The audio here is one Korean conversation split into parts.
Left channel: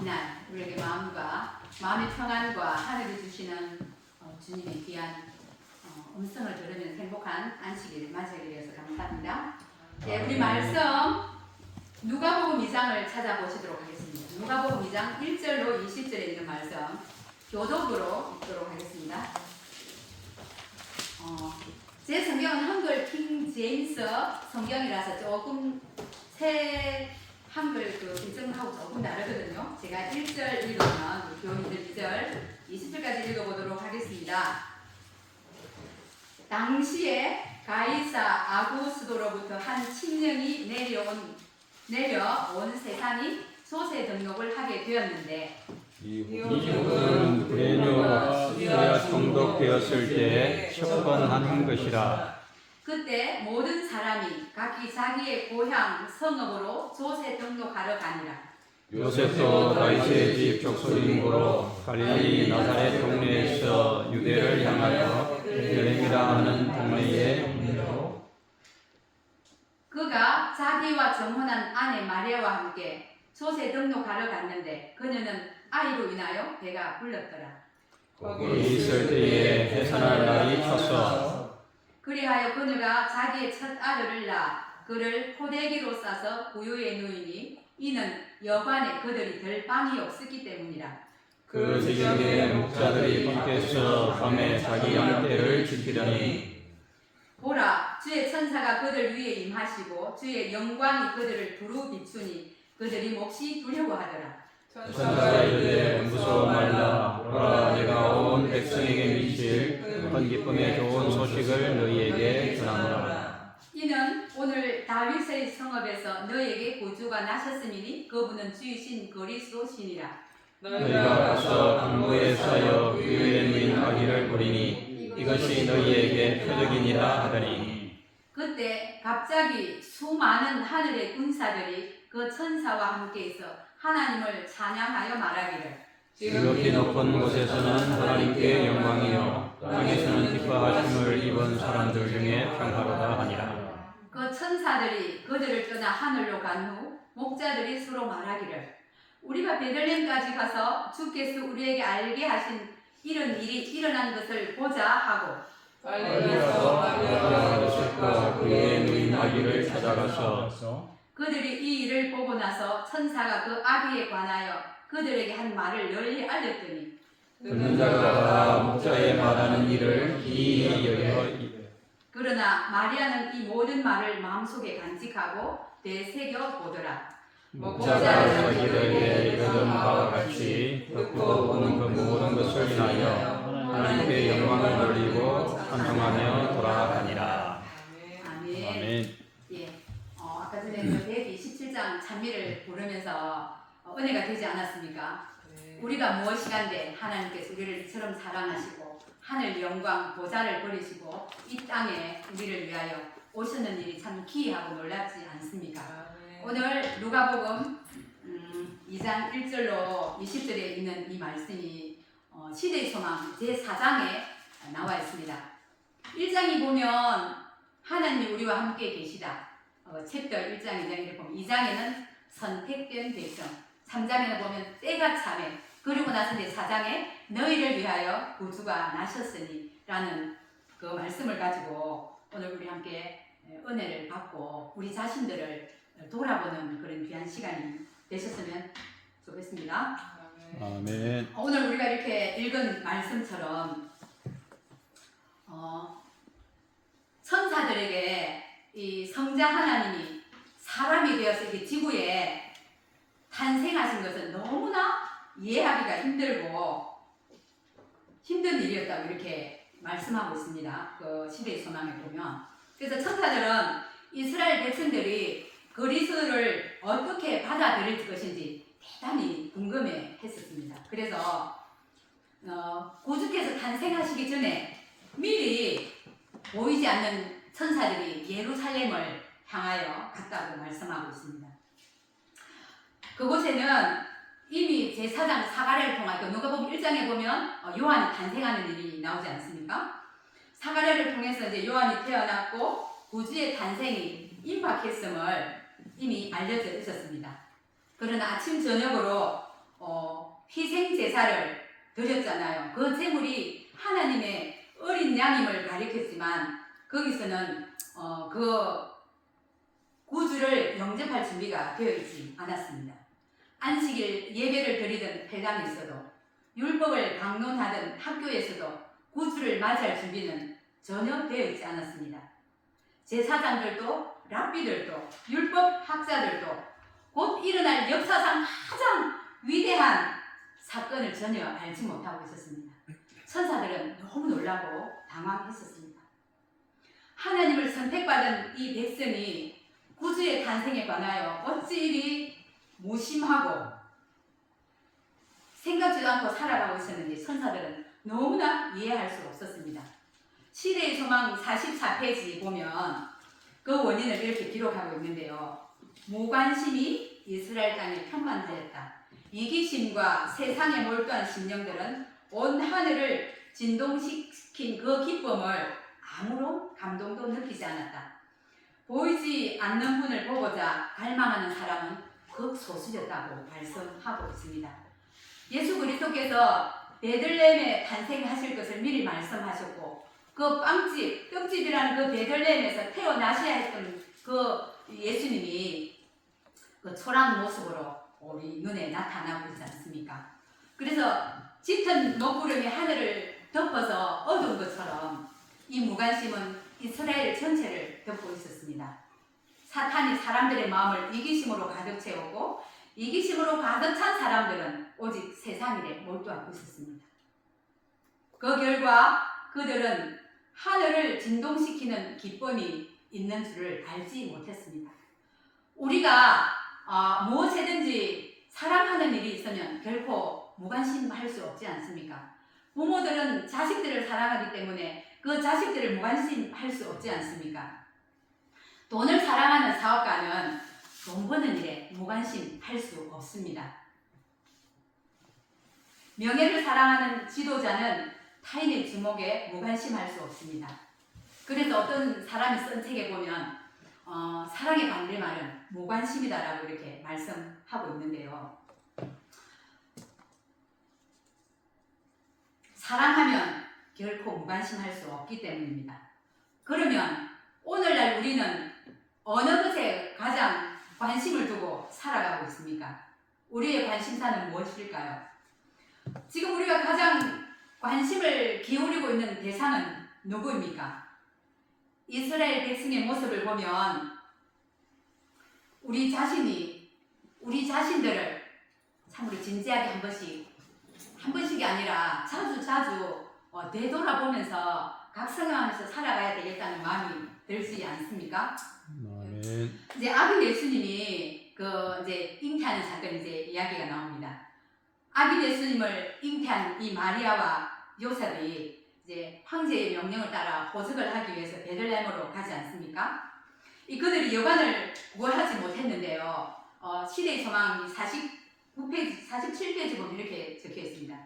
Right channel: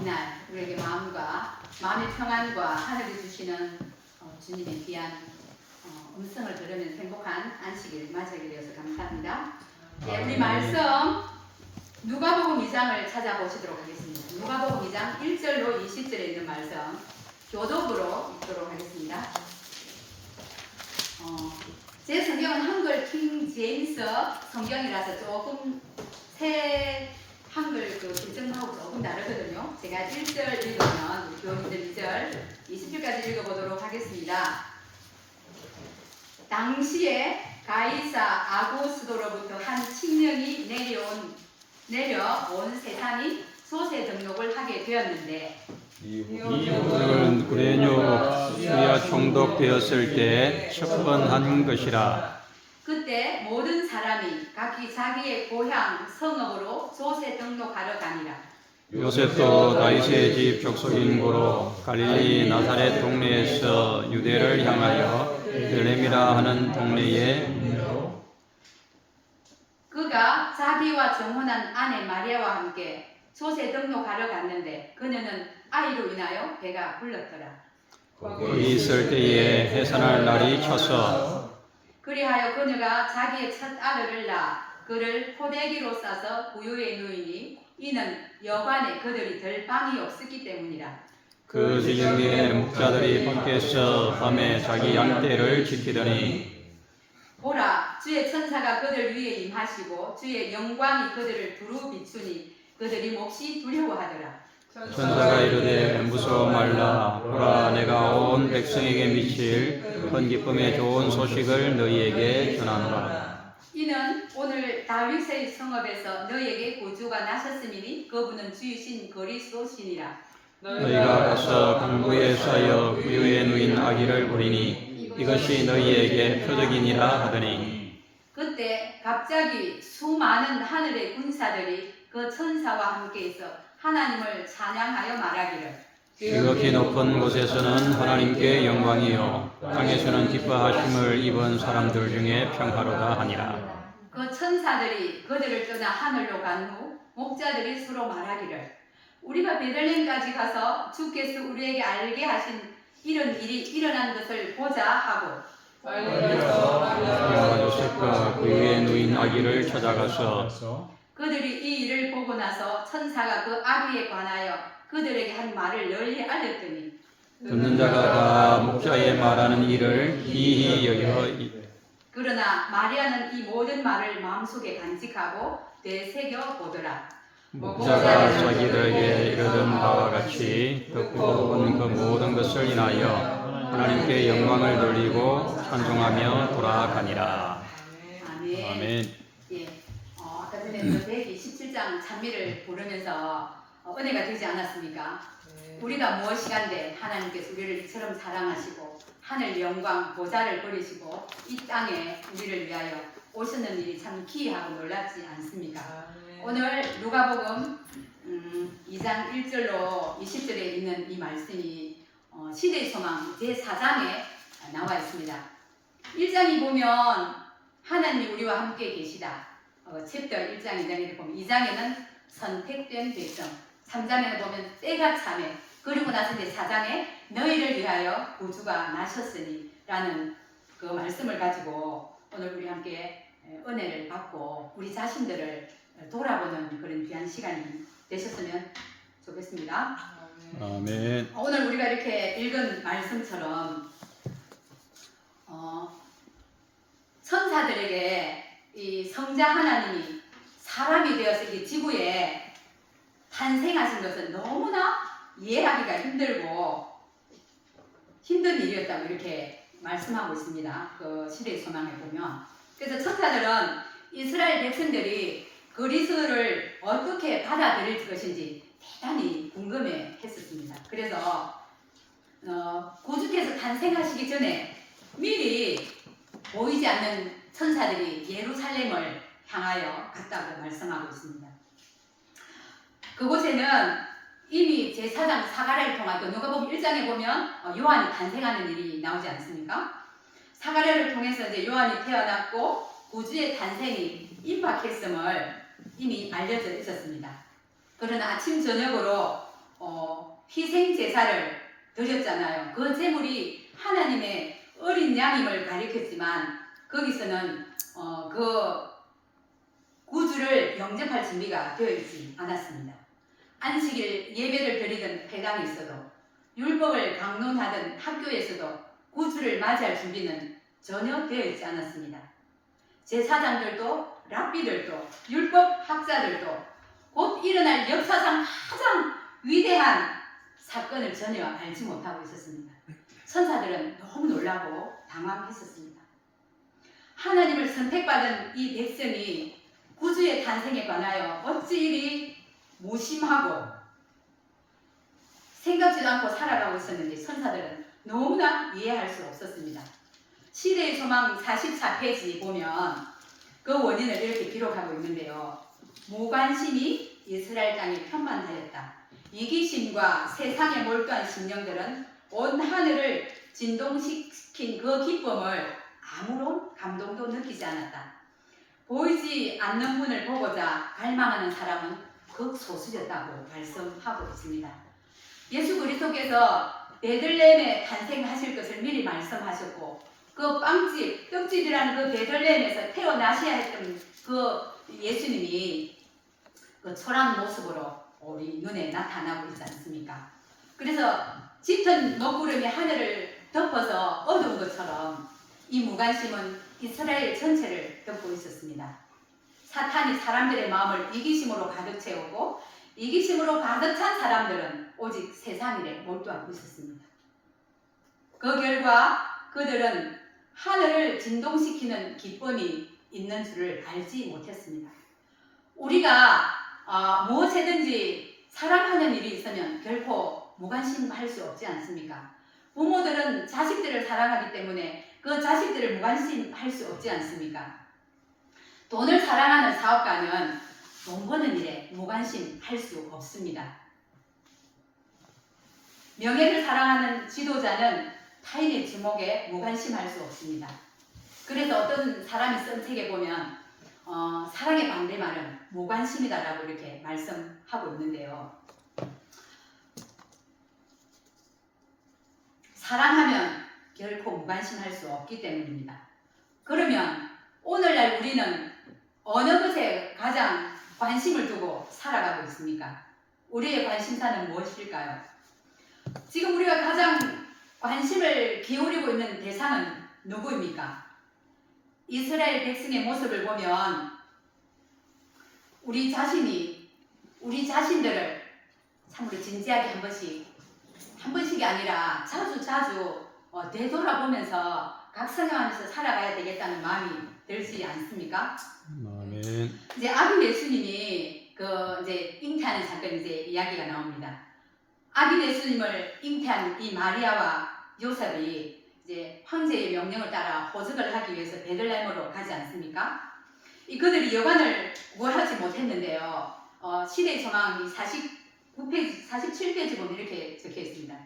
이날 우리에게 마음의 평안과 하늘이 주시는 주님의 귀한 음성을 들으면 행복한 안식일을 맞이하게 되어서 감사합니다. 네, 우리 말씀 누가복음 2장을 찾아보시도록 하겠습니다. 누가복음 2장 1절로 20절에 있는 말씀 교독으로 읽도록 하겠습니다. 제 성경은 한글 킹 제임스 성경이라서 조금 새 한글 개정하고 조금 다르거든요. 제가 1절 읽으면 교훈들 2절 20절까지 읽어보도록 하겠습니다. 당시에 가이사 아구스도로부터 한 칙령이 내려온 세상이 소세 등록을 하게 되었는데 이후는 그레뇨가 수야 총독되었을 때 첫 번 한 것이라. 그때 모든 사람이 각기 자기의 고향 성읍으로 조세 등록하러 가니라. 요셉도 다윗의 집 족속인 고로 갈릴리 나사렛 동네에서 유대를 향하여 베들레헴이라 하는 동네에 그가 자기와 정혼한 아내 마리아와 함께 조세 등록하러 갔는데 그녀는 아이로 인하여 배가 불렀더라. 거기 있을 때에 해산할 날이 쳤어. 그리하여 그녀가 자기의 첫 아들을 낳아 그를 포대기로 싸서 부유에 누이니 이는 여관에 그들이 들 방이 없었기 때문이라. 그 지역에 목자들이 밖에서 밤에 자기 양떼를 지키더니 보라, 주의 천사가 그들 위에 임하시고 주의 영광이 그들을 두루 비추니 그들이 몹시 두려워하더라. 천사가 이르되 무서워 말라. 보라, 내가 온 백성에게 미칠 큰 기쁨의 좋은 소식을 너희에게 전하노라. 이는 오늘 다윗의 성읍에서 너희에게 구주가 나셨음이니 그분은 주이신 그리스도시니라. 너희가 가서 강구에 쌓여 위에 누인 아기를 보리니 이것이 너희에게 표적이니라 하더니 그때 갑자기 수많은 하늘의 군사들이 그 천사와 함께해서 하나님을 찬양하여 말하기를 지극히 높은 곳에서는 하나님께 영광이요 땅에서는 기뻐하심을 입은 사람들 중에 평화로다 하니라. 그 천사들이 그들을 떠나 하늘로 간 후 목자들이 서로 말하기를 우리가 베들레헴까지 가서 주께서 우리에게 알게 하신 이런 일이 일어난 것을 보자 하고 빨리 가서 요셉과 그의 누인 아기를 찾아가서 그들이 이 일을 보고 나서 천사가 그 아기에 관하여 그들에게 한 말을 널리 알렸더니 듣는 자가 다 목자의 말하는 일을 이히 여겨. 그러나 마리아는 이 모든 말을 마음속에 간직하고 되새겨 보더라. 목자가 자기들에게 이르던 바와 같이 듣고 보는 그 모든 것을 인하여 하나님께 영광을 돌리고 찬송하며 돌아가니라. 아멘. 예. 아까 전에 그 127장 찬미를 부르면서 은혜가 되지 않았습니까? 우리가 무엇이간데 하나님께서 우리를 이처럼 사랑하시고 하늘 영광 보좌를 버리시고 이 땅에 우리를 위하여 오셨는 일이 참 기이하고 놀랍지 않습니까? 오늘 누가복음 2장 1절로 20절에 있는 이 말씀이 시대의 소망 제4장에 나와 있습니다. 1장이 보면 하나님이 우리와 함께 계시다. 챕터 1장 2장에 보면 2장에는 선택된 백성, 3장에는 보면 때가 참해, 그리고 나서 이제 4장에 너희를 위하여 구주가 나셨으니 라는 그 말씀을 가지고 오늘 우리 함께 은혜를 받고 우리 자신들을 돌아보는 그런 귀한 시간이 되셨으면 좋겠습니다. 아멘. 오늘 우리가 이렇게 읽은 말씀처럼 천사들에게 이 성자 하나님이 사람이 되어서 이 지구에 탄생하신 것은 너무나 이해하기가 힘들고 힘든 일이었다고 이렇게 말씀하고 있습니다. 그 시대의 소망에 보면. 그래서 천사들은 이스라엘 백성들이 그리스도를 어떻게 받아들일 것인지 대단히 궁금해 했었습니다. 그래서 구주께서 탄생하시기 전에 미리 보이지 않는 천사들이 예루살렘을 향하여 갔다고 말씀하고 있습니다. 그곳에는 이미 제4장 사가랴를 통하여 누가복음 1장에 보면 요한이 탄생하는 일이 나오지 않습니까? 사가랴를 통해서 이제 요한이 태어났고 구주의 탄생이 임박했음을 이미 알려져 있었습니다. 그러나 아침 저녁으로 희생 제사를 드렸잖아요. 그 제물이 하나님의 어린 양임을 가리켰지만 거기서는 그 구주를 영접할 준비가 되어 있지 않았습니다. 안식일 예배를 드리던 회당에서도 율법을 강론하던 학교에서도 구주를 맞이할 준비는 전혀 되어 있지 않았습니다. 제사장들도 랍비들도 율법 학자들도 곧 일어날 역사상 가장 위대한 사건을 전혀 알지 못하고 있었습니다. 천사들은 너무 놀라고 당황했었습니다. 하나님을 선택받은 이 백성이 구주의 탄생에 관하여 어찌 이리 무심하고 생각지도 않고 살아가고 있었는지 천사들은 너무나 이해할 수 없었습니다. 시대의 소망 44페이지 보면 그 원인을 이렇게 기록하고 있는데요. 무관심이 이스라엘 땅에 편만하였다. 이기심과 세상에 몰두한 심령들은 온 하늘을 진동시킨 그 기쁨을 아무런 감동도 느끼지 않았다. 보이지 않는 분을 보고자 갈망하는 사람은 극소수였다고 말씀하고 있습니다. 예수 그리스도께서 베들레헴에 탄생하실 것을 미리 말씀하셨고 그 떡집이라는 그 베들레헴에서 태어나셔야 했던 그 예수님이 그 초라한 모습으로 우리 눈에 나타나고 있지 않습니까? 그래서 짙은 먹구름이 하늘을 덮어서 어두운 것처럼 이 무관심은 이스라엘 전체를 덮고 있었습니다. 사탄이 사람들의 마음을 이기심으로 가득 채우고 이기심으로 가득 찬 사람들은 오직 세상 일에 몰두하고 있었습니다. 그 결과 그들은 하늘을 진동시키는 기쁨이 있는 줄을 알지 못했습니다. 우리가 무엇이든지 사랑하는 일이 있으면 결코 무관심할 수 없지 않습니까? 부모들은 자식들을 사랑하기 때문에 그 자식들을 무관심할 수 없지 않습니까? 돈을 사랑하는 사업가는 돈 버는 일에 무관심할 수 없습니다. 명예를 사랑하는 지도자는 타인의 주목에 무관심할 수 없습니다. 그래서 어떤 사람이 쓴 책에 보면 사랑의 반대말은 무관심이다라고 이렇게 말씀하고 있는데요. 사랑하면 결코 무관심할 수 없기 때문입니다. 그러면 오늘날 우리는 어느 것에 가장 관심을 두고 살아가고 있습니까? 우리의 관심사는 무엇일까요? 지금 우리가 가장 관심을 기울이고 있는 대상은 누구입니까? 이스라엘 백성의 모습을 보면 우리 자신들을 참으로 진지하게 한 번씩이 아니라 자주 되돌아보면서 각성하면서 살아가야 되겠다는 마음이 들지 않습니까? 아멘. 이제 아기 예수님이 이제 잉태하는 사건 이제 이야기가 나옵니다. 아기 예수님을 잉태한 이 마리아와 요셉이 이제 황제의 명령을 따라 호적을 하기 위해서 베들레헴으로 가지 않습니까? 그들이 여관을 구하지 못했는데요. 시대의 소망 49페이지, 47페이지 보면 이렇게 적혀 있습니다.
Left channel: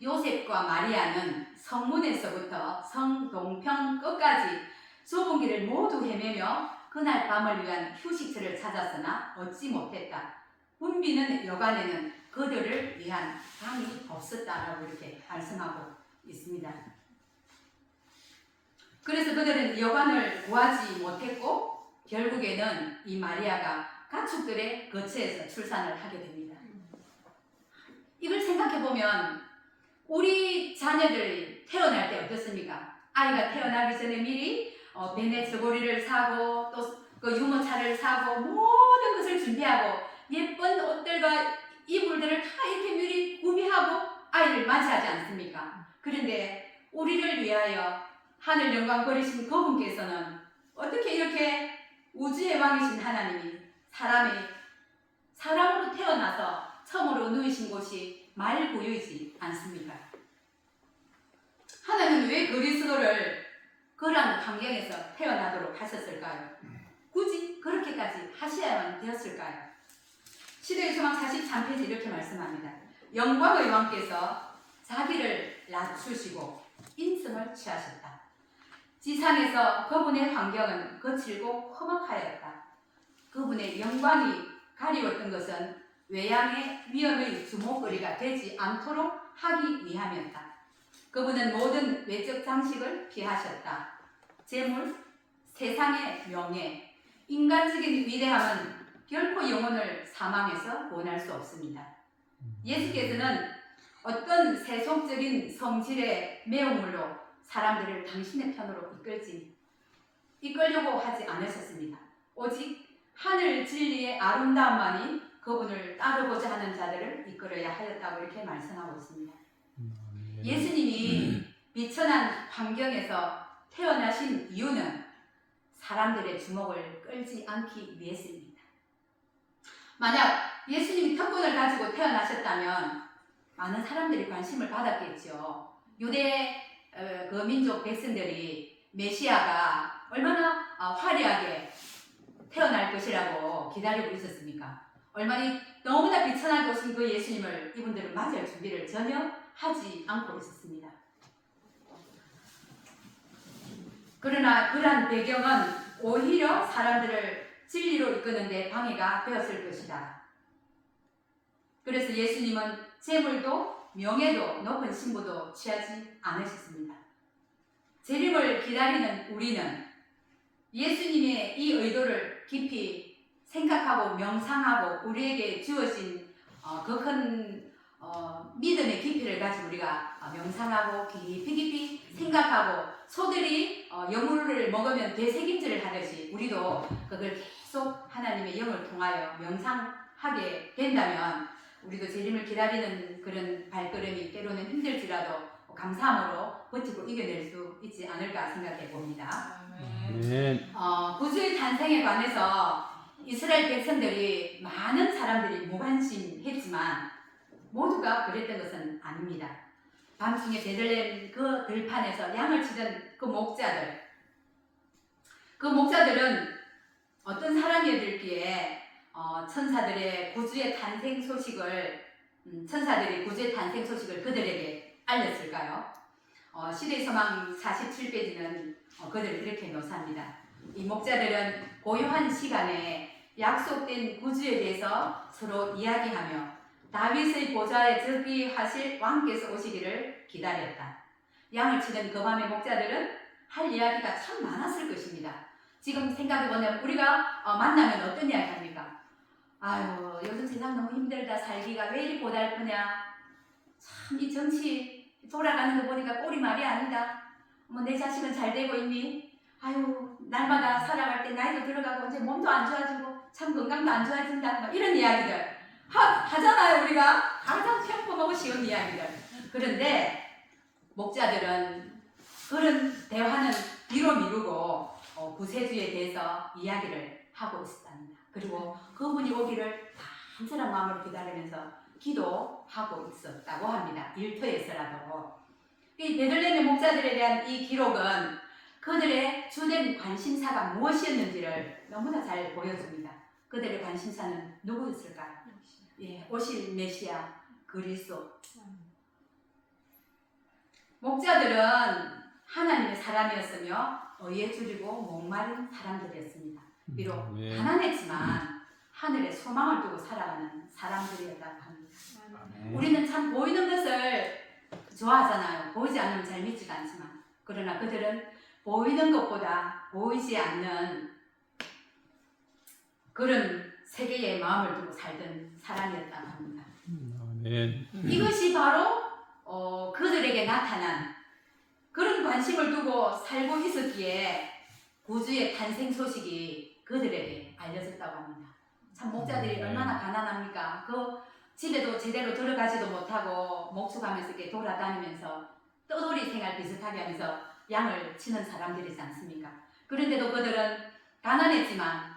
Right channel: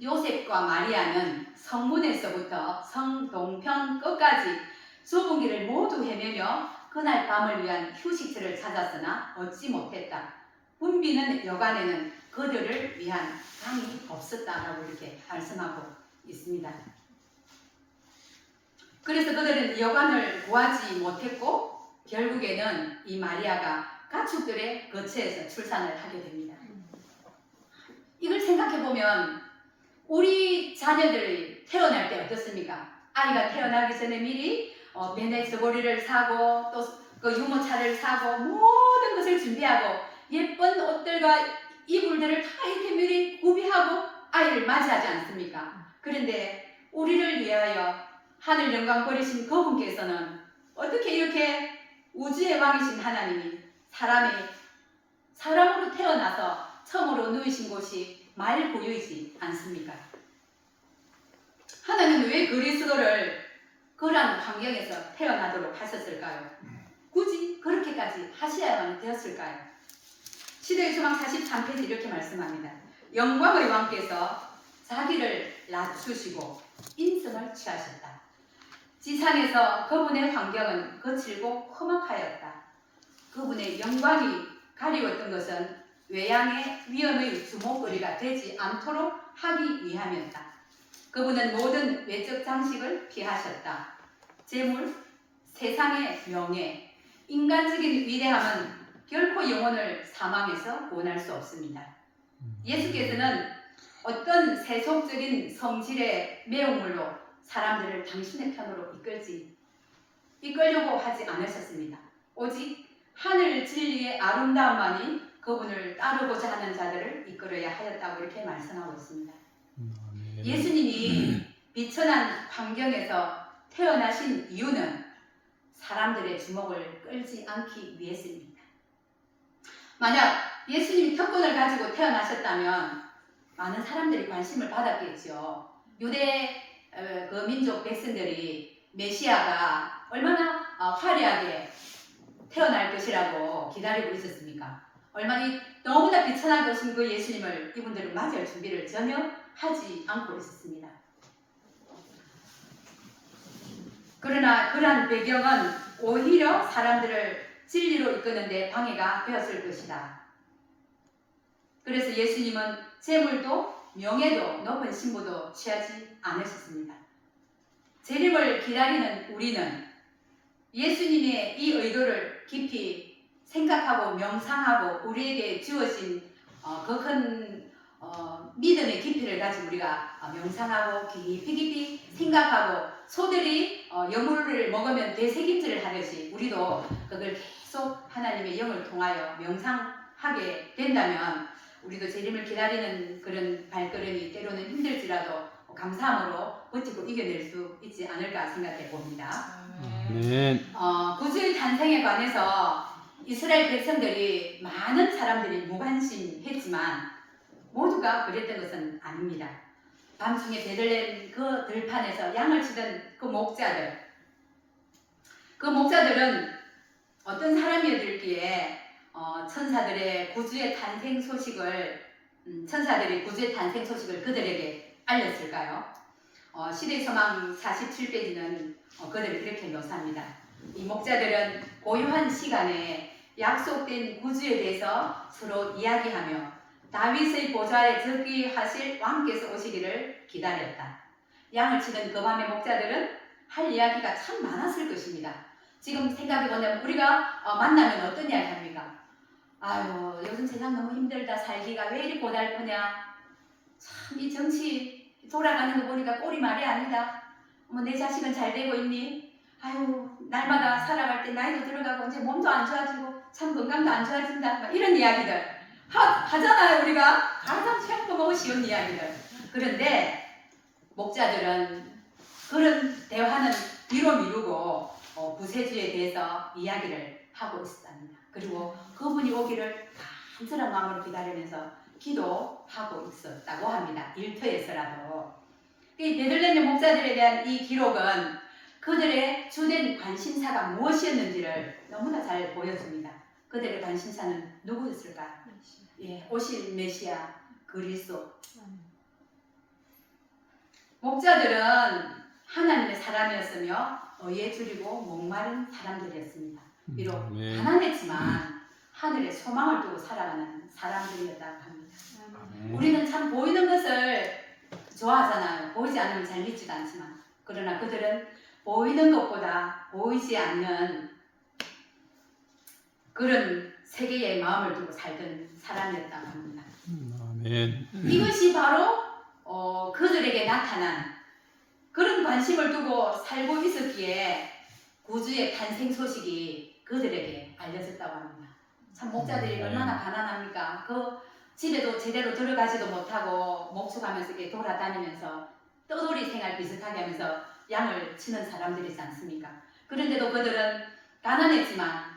요셉과 마리아는 성문에서부터 성 동편 끝까지 좁은 길을 모두 헤매며 그날 밤을 위한 휴식처를 찾았으나 얻지 못했다. 붐비는 여관에는 그들을 위한 방이 없었다라고 이렇게 말씀하고 있습니다. 그래서 그들은 여관을 구하지 못했고 결국에는 이 마리아가 가축들의 거처에서 출산을 하게 됩니다. 이걸 생각해보면 우리 자녀들이 태어날 때 어떻습니까? 아이가 태어나기 전에 미리 베네 저고리를 사고 또 그 유모차를 사고 모든 것을 준비하고 예쁜 옷들과 이불들을 다 이렇게 미리 구비하고 아이를 맞이하지 않습니까? 그런데 우리를 위하여 하늘 영광 버리신 그분께서는 어떻게 이렇게 우주의 왕이신 하나님이 사람으로 태어나서 처음으로 누이신 곳이 말구유이지 않습니까? 하나님은 왜 그리스도를 그러한 환경에서 태어나도록 하셨을까요? 굳이 그렇게까지 하셔야만 되었을까요? 시대의 소망 43페이지 이렇게 말씀합니다. 영광의 왕께서 자기를 낮추시고 인성을 취하셨다. 지상에서 그분의 환경은 거칠고 험악하였다. 그분의 영광이 가리웠던 것은 외양의 위험의 주목거리가 되지 않도록 하기 위함이었다. 그분은 모든 외적 장식을 피하셨다. 재물, 세상의 명예, 인간적인 위대함은 결코 영혼을 사망에서 구원할 수 없습니다. 예수께서는 어떤 세속적인 성질의 매운물로 사람들을 당신의 편으로 이끌려고 하지 않으셨습니다. 오직 하늘 진리의 아름다움만이 그분을 따르고자 하는 자들을 이끌어야 하였다고 이렇게 말씀하고 있습니다. 예수님이 비천한 환경에서 태어나신 이유는 사람들의 주목을 끌지 않기 위해서입니다. 만약 예수님이 특권을 가지고 태어나셨다면 많은 사람들이 관심을 받았겠죠. 유대 그 민족 백성들이 메시아가 얼마나 화려하게 태어날 것이라고 기다리고 있었습니까? 너무나 비천하게 오신 그 예수님을 이분들은 맞이할 준비를 전혀 하지 않고 있었습니다. 그러나 그러한 배경은 오히려 사람들을 진리로 이끄는 데 방해가 되었을 것이다. 그래서 예수님은 재물도 명예도 높은 신부도 취하지 않으셨습니다. 재림을 기다리는 우리는 예수님의 이 의도를 깊이 생각하고 명상하고 우리에게 주어진 그 큰 믿음의 깊이를 가지고 우리가 명상하고 깊이 생각하고 소들이 여물을 먹으면 되새김질을 하듯이 우리도 그걸 계속 하나님의 영을 통하여 명상하게 된다면 우리도 재림을 기다리는 그런 발걸음이 때로는 힘들지라도 감사함으로 버티고 이겨낼 수 있지 않을까 생각해 봅니다. 구주의 탄생에 관해서 이스라엘 백성들이 많은 사람들이 무관심했지만 모두가 그랬던 것은 아닙니다. 밤중에 베들레헴 그 들판에서 양을 치던 그 목자들은 어떤 사람이었길래 천사들이 구주의 탄생 소식을 그들에게 알렸을까요? 시대의 소망 47페이지는 그들을 이렇게 묘사합니다. 이 목자들은 고요한 시간에 약속된 구주에 대해서 서로 이야기하며 다윗의 보좌에 즉위하실 왕께서 오시기를 기다렸다. 양을 치던 그 밤의 목자들은 할 이야기가 참 많았을 것입니다. 지금 생각해보면 우리가 만나면 어떤 이야기 합니까? 아유, 요즘 세상 너무 힘들다. 살기가 왜 이리 고달프냐. 참 이 정치 돌아가는 거 보니까 꼴이 말이 아니다. 뭐 내 자식은 잘 되고 있니? 아유, 날마다 살아갈 때 나이도 들어가고 이제 몸도 안 좋아지고 참 건강도 안 좋아진다. 막 이런 이야기들 하잖아요. 우리가 가장 평범하고 쉬운 이야기들. 그런데 목자들은 그런 대화는 뒤로 미루고 구세주에 대해서 이야기를 하고 있었답니다. 그리고 그분이 오기를 간절한 마음으로 기다리면서 기도하고 있었다고 합니다. 일터에서라도. 이 베들레헴의 목자들에 대한 이 기록은 그들의 주된 관심사가 무엇이었는지를 너무나 잘 보여줍니다. 그들의 관심사는 누구였을까요? 오실 메시아 그리스도. 목자들은 하나님의 사람이었으며 의에 줄이고 목마른 사람들이었습니다. 비록 가난했지만 하늘에 소망을 두고 살아가는 사람들이었다고 합니다. 우리는 참 보이는 것을 좋아하잖아요. 보이지 않으면 잘 믿지도 않지만. 그러나 그들은 보이는 것보다 보이지 않는 그런 세계의 마음을 두고 살던 사람이었다고 합니다. 이것이 바로 그들에게 나타난 그런 관심을 두고 살고 있었기에 구주의 탄생 소식이 그들에게 알려졌다고 합니다. 참 목자들이 얼마나 가난합니까? 그 집에도 제대로 들어가지도 못하고 목축하면서 이렇게 돌아다니면서 떠돌이 생활 비슷하게 하면서 양을 치는 사람들이지 않습니까? 그런데도 그들은 가난했지만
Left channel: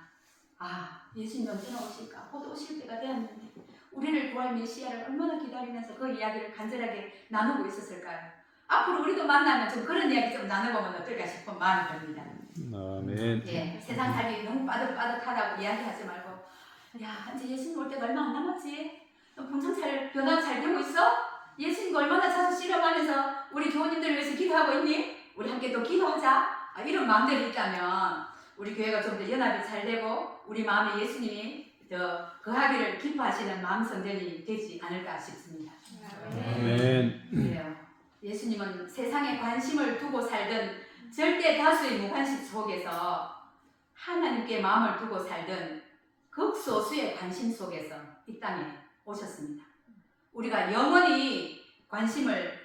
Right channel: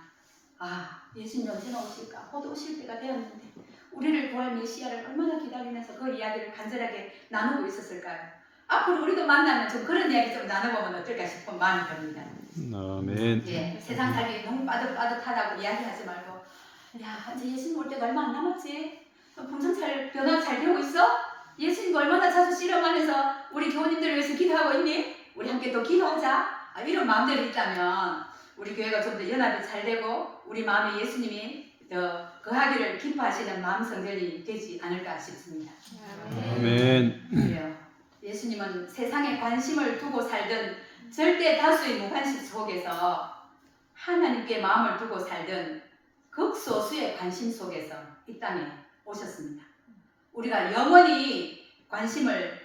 예수님 언제나 오실까? 곧 오실 때가 되었는데 우리를 구할 메시아를 얼마나 기다리면서 그 이야기를 간절하게 나누고 있었을까요? 앞으로 우리도 만나면 좀 그런 이야기 좀 나눠보면 어떨까 싶은 마음이 듭니다. 세상 삶이 너무 빠듯빠듯하다고 이야기하지 말고 이제 예수님 올 때가 얼마 안 남았지? 분상 변화가 잘 되고 있어? 예수님 얼마나 자주 실험하면서 우리 교우님들을 위해서 기도하고 있니? 우리 함께 또 기도하자. 이런 마음들이 있다면 우리 교회가 좀 더 연합이 잘 되고 우리 마음에 예수님이 더 거하기를 기뻐하시는 마음 성전이 되지 않을까 싶습니다. 아멘. 그래요. 예수님은 세상에 관심을 두고 살던 절대 다수의 무관심 속에서 하나님께 마음을 두고 살던 극소수의 관심 속에서 이 땅에 오셨습니다. 우리가 영원히 관심을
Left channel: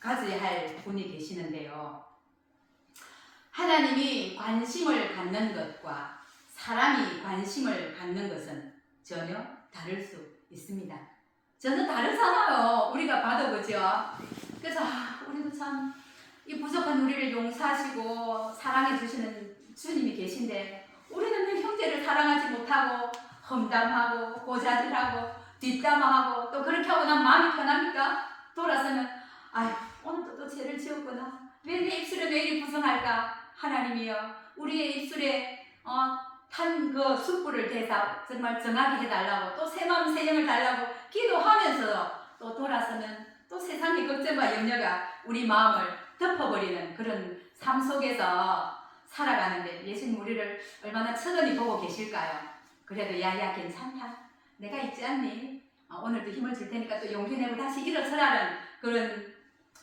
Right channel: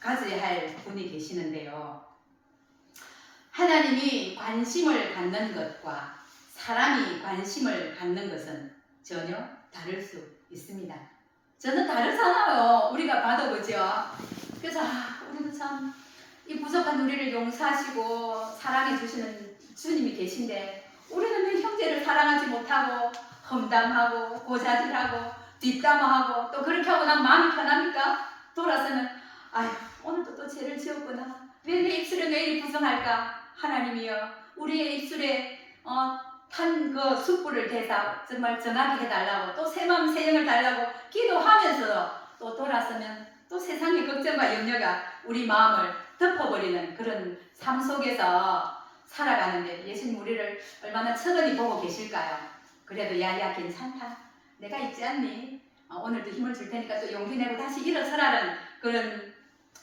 가져야 할 분이 계시는데요. 하나님이 관심을 갖는 것과 사람이 관심을 갖는 것은 전혀 다를 수 있습니다. 전혀 다르잖아요. 우리가 받아보죠. 그래서 우리도 참 이 부족한 우리를 용서하시고 사랑해 주시는 주님이 계신데 우리는 왜 형제를 사랑하지 못하고 험담하고 고자질하고 뒷담화하고 또 그렇게 하고 난 마음이 편합니까? 돌아서는 아휴 오늘도 또 죄를 지었구나. 왜 내 입술에 왜 이리 부정할까? 하나님이여 우리의 입술에 탄 그 숯불을 대사 정말 정하게 해달라고 또 새 마음 새 영을 달라고 기도하면서도 또 돌아서면 또 세상의 걱정과 염려가 우리 마음을 덮어버리는 그런 삶 속에서 살아가는데 예수님 우리를 얼마나 천천히 보고 계실까요? 그래도 야야 괜찮다. 내가 있지 않니? 오늘도 힘을 줄 테니까 또 용기 내고 다시 일어서라는 그런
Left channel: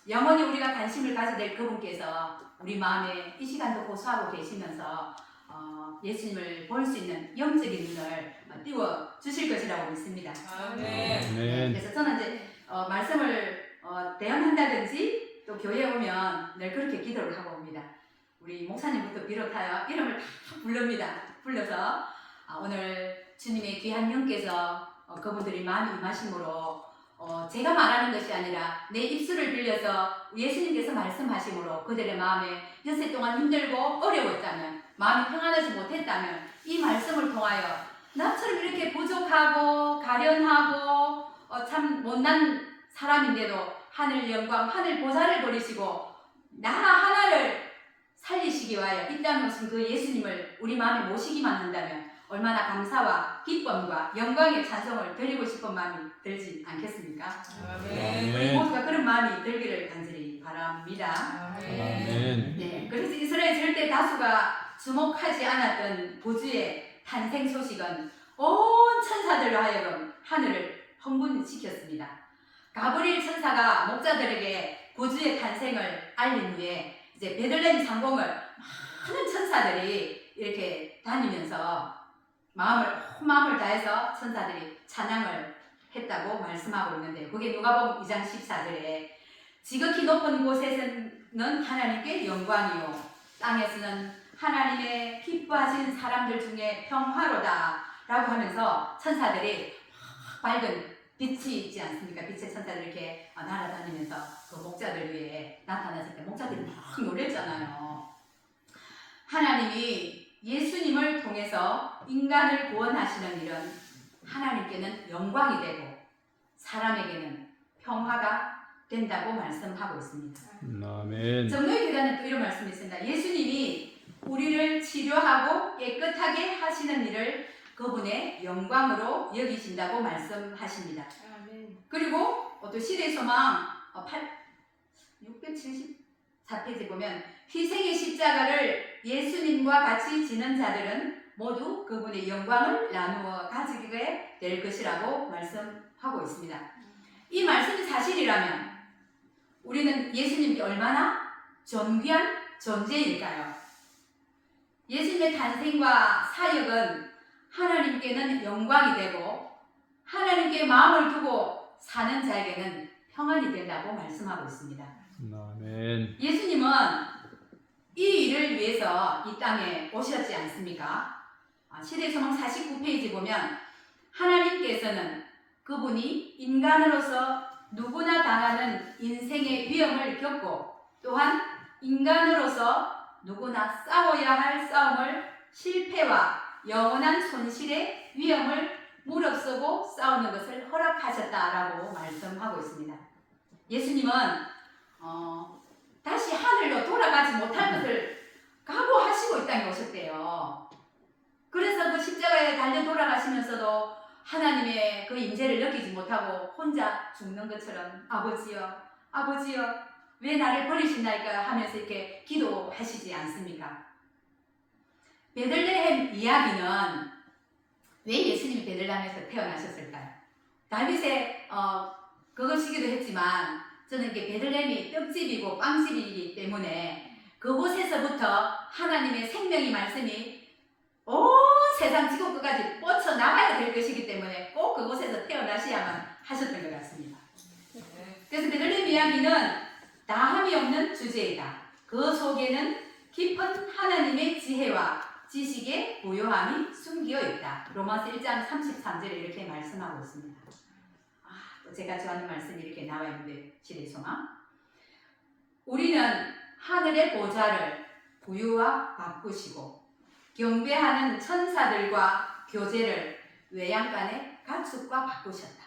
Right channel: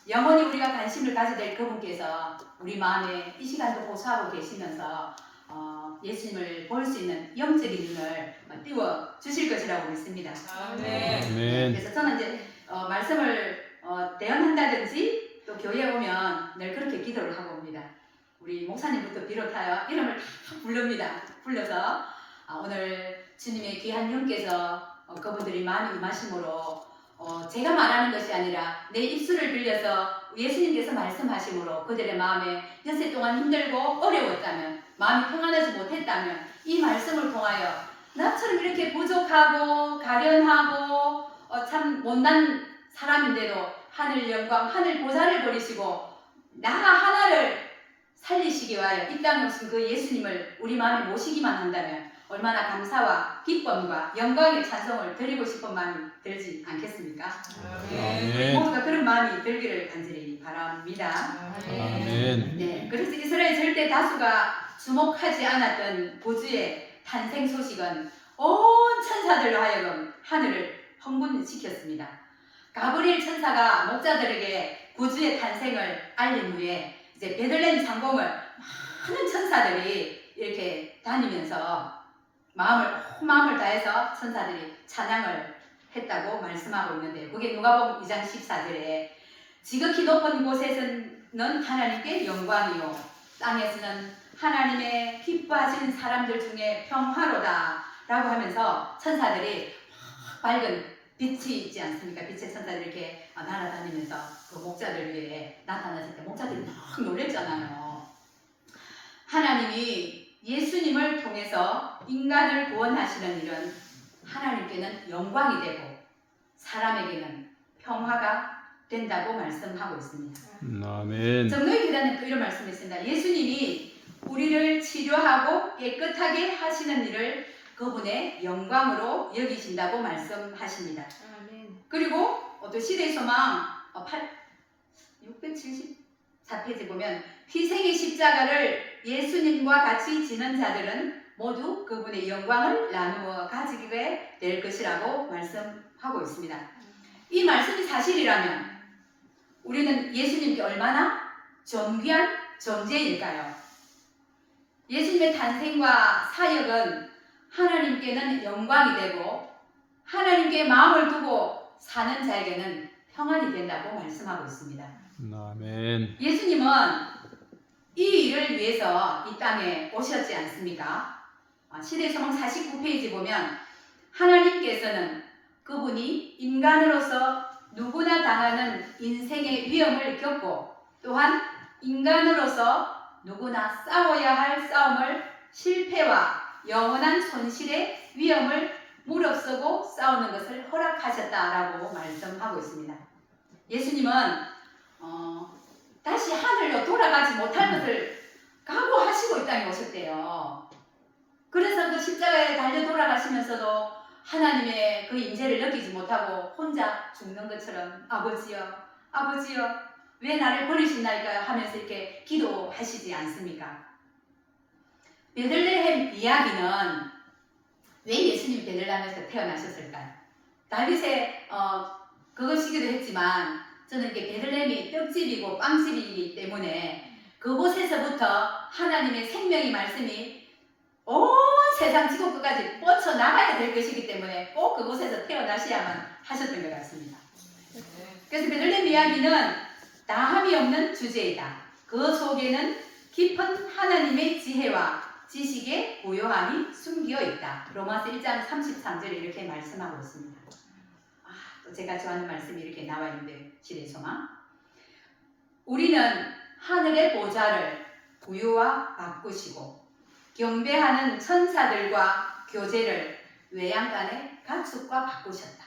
영원히 우리가 관심을 가져야 될 그분께서 우리 마음에 이 시간도 호소하고 계시면서 예수님을 볼 수 있는 영적인 눈을 띄워 주실 것이라고 믿습니다. 아멘. 그래서 저는 이제 말씀을 대언한다든지 또 교회에 오면 늘 그렇게 기도를 하고 옵니다. 우리 목사님부터 비롯하여 이름을 다 부릅니다. 불러서 오늘 주님의 귀한 영께서 그분들이 많이 임하심으로 제가 말하는 것이 아니라 내 입술을 빌려서 예수님께서 말씀하심으로 그들의 마음에 엿새 동안 힘들고 어려웠다면 마음이 평안하지 못했다면 이 말씀을 통하여 나처럼 이렇게 부족하고 가련하고 참 못난 사람인데도 하늘 영광 하늘 보좌를 버리시고 나라 하나를 살리시기 위하여 이 땅에 오신 그 예수님을 우리 마음에 모시기만 한다면 얼마나 감사와 기쁨과 영광의 찬송을 드리고 싶은 마음이 들지 않겠습니까? 우리 모두가 그런 마음이 들기를 간절히 바랍니다. 아멘. 네, 그래서 이스라엘 절대 다수가 주목하지 않았던 구주의 탄생 소식은 온 천사들로 하여금 하늘을 흥분시켰습니다. 가브리엘 천사가 목자들에게 구주의 탄생을 알린 후에 이제 베들레헴 상공을 많은 천사들이 이렇게 다니면서 마음을 다해서 천사들이 찬양을 했다고 말씀하고 있는데 그게 누가복음 2장 14절에 지극히 높은 곳에서는 하나님께 영광이요 땅에서는 하나님의 기뻐하시는 사람들 중에 평화로다 라고 하면서 천사들이 밝은 빛이 있지 않습니까? 빛의 천사들이 이렇게 날아다니면서 그 목자들 위에 나타났을 때 목자들이 막 놀랬잖아요. 하나님이 예수님을 통해서 인간을 구원하시는 일은 하나님께는 영광이 되고 사람에게는 평화가 된다고 말씀하고 있습니다. 아멘. 정로의 계단에 또 이런 말씀이 있습니다. 예수님이 우리를 치료하고 깨끗하게 하시는 일을 그분의 영광으로 여기신다고 말씀하십니다. 그리고 또 시대의 소망 674페이지 보면 희생의 십자가를 예수님과 같이 지는 자들은 모두 그분의 영광을 나누어 가지게 될 것이라고 말씀하고 있습니다. 이 말씀이 사실이라면 우리는 예수님께 얼마나 존귀한 존재일까요? 예수님의 탄생과 사역은 하나님께는 영광이 되고 하나님께 마음을 두고 사는 자에게는 평안이 된다고 말씀하고 있습니다. 아멘. 예수님은 이 일을 위해서 이 땅에 오셨지 않습니까? 시대의 소망 49페이지 보면 하나님께서는 그분이 인간으로서 누구나 당하는 인생의 위험을 겪고 또한 인간으로서 누구나 싸워야 할 싸움을 실패와 영원한 손실의 위험을 무릅쓰고 싸우는 것을 허락하셨다라고 말씀하고 있습니다. 예수님은 다시 하늘로 돌아가지 못할 것을 각오하시고 이 땅에 오셨대요. 그래서 그 십자가에 달려 돌아가시면서도 하나님의 그 임재를 느끼지 못하고 혼자 죽는 것처럼 아버지여 아버지여 왜 나를 버리시나이까 하면서 이렇게 기도하시지 않습니까? 베들레헴 이야기는 왜 예수님이 베들레헴에서 태어나셨을까요? 다윗의 그것이기도 했지만 저는 이게 베들레헴이 떡집이고 빵집이기 때문에 그곳에서부터 하나님의 생명의 말씀이 온 세상 지구 끝까지 뻗쳐나가야 될 것이기 때문에 꼭 그곳에서 태어나셔야만 하셨던 것 같습니다. 그래서 베들레헴 이야기는 다함이 없는 주제이다. 그 속에는 깊은 하나님의 지혜와 지식의 고요함이 숨겨 있다. 로마서 1장 33절에 이렇게 말씀하고 있습니다. 또 제가 좋아하는 말씀이 이렇게 나와 있는데 시대소마. 우리는 하늘의 보좌를 구유와 바꾸시고 경배하는 천사들과 교제를 외양간의 가축과 바꾸셨다.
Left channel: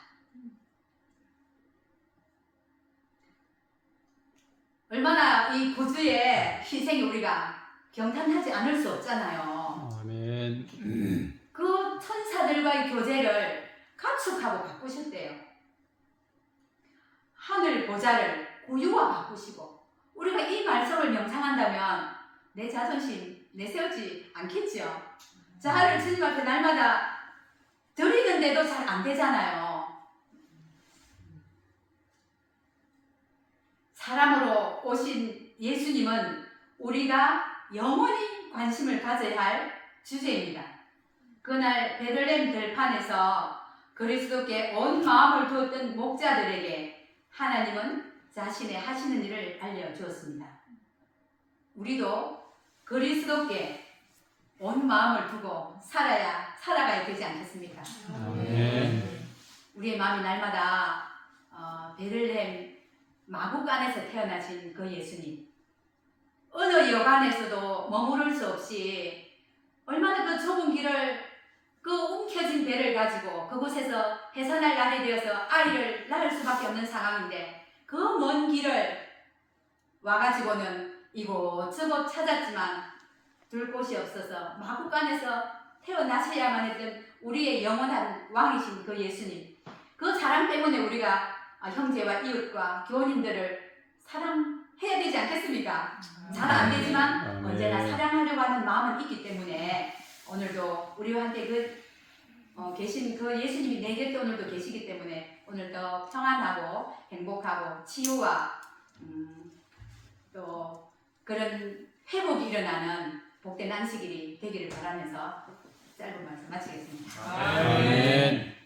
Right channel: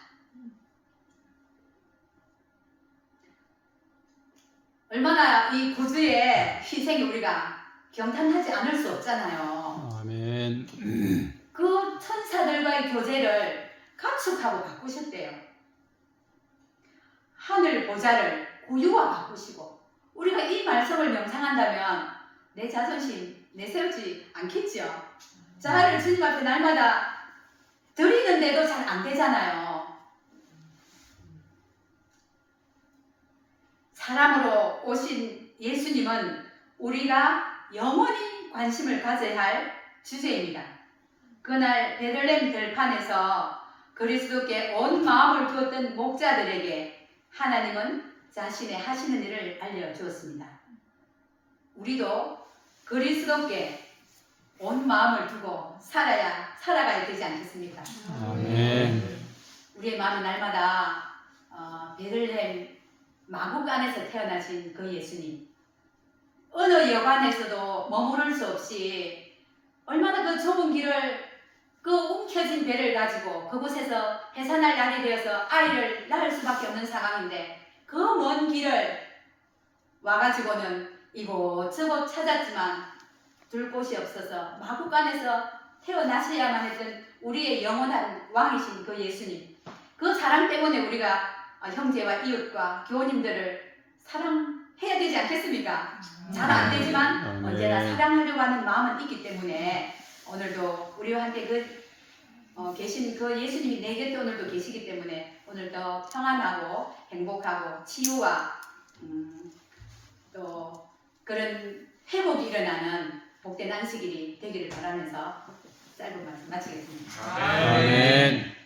얼마나 이 구주의 희생이 우리가 경탄하지 않을 수 없잖아요. 아멘. 그 천사들과의 교제를 가축하고 바꾸셨대요. 하늘 보좌를 구유와 바꾸시고 우리가 이 말씀을 명상한다면 내 자존심 내세우지 않겠죠. 자아를 주님 앞에 날마다 드리는데도 잘 안 되잖아요. 사람으로 오신 예수님은 우리가 영원히 관심을 가져야 할 주제입니다. 그날 베들레헴 들판에서 그리스도께 온 마음을 두었던 목자들에게 하나님은 자신의 하시는 일을 알려주었습니다. 우리도 그리스도께 온 마음을 두고 살아가야 되지 않겠습니까? 아멘. 우리의 마음이 날마다 베들레헴 마구간에서 태어나신 그 예수님, 어느 여간에서도 머무를 수 없이 얼마나 그 좁은 길을 그 움켜진 배를 가지고 그곳에서 해산할 날이 되어서 아이를 낳을 수밖에 없는 상황인데 그 먼 길을 와가지고는 이곳저곳 찾았지만 둘 곳이 없어서 마구간에서 태어나셔야만 했던 우리의 영원한 왕이신 그 예수님, 그 사랑 때문에 우리가 형제와 이웃과 교우님들을 사랑해야 되지 않겠습니까? 잘 안 되지만 언제나 사랑하려고 하는 마음은 있기 때문에 오늘도 우리와 함께 계신 그 예수님이 내 곁에 오늘도 계시기 때문에 오늘도 평안하고 행복하고 치유와 또 그런 회복이 일어나는 복된 안식일이 되기를 바라면서 짧은 말씀 마치겠습니다. 아멘.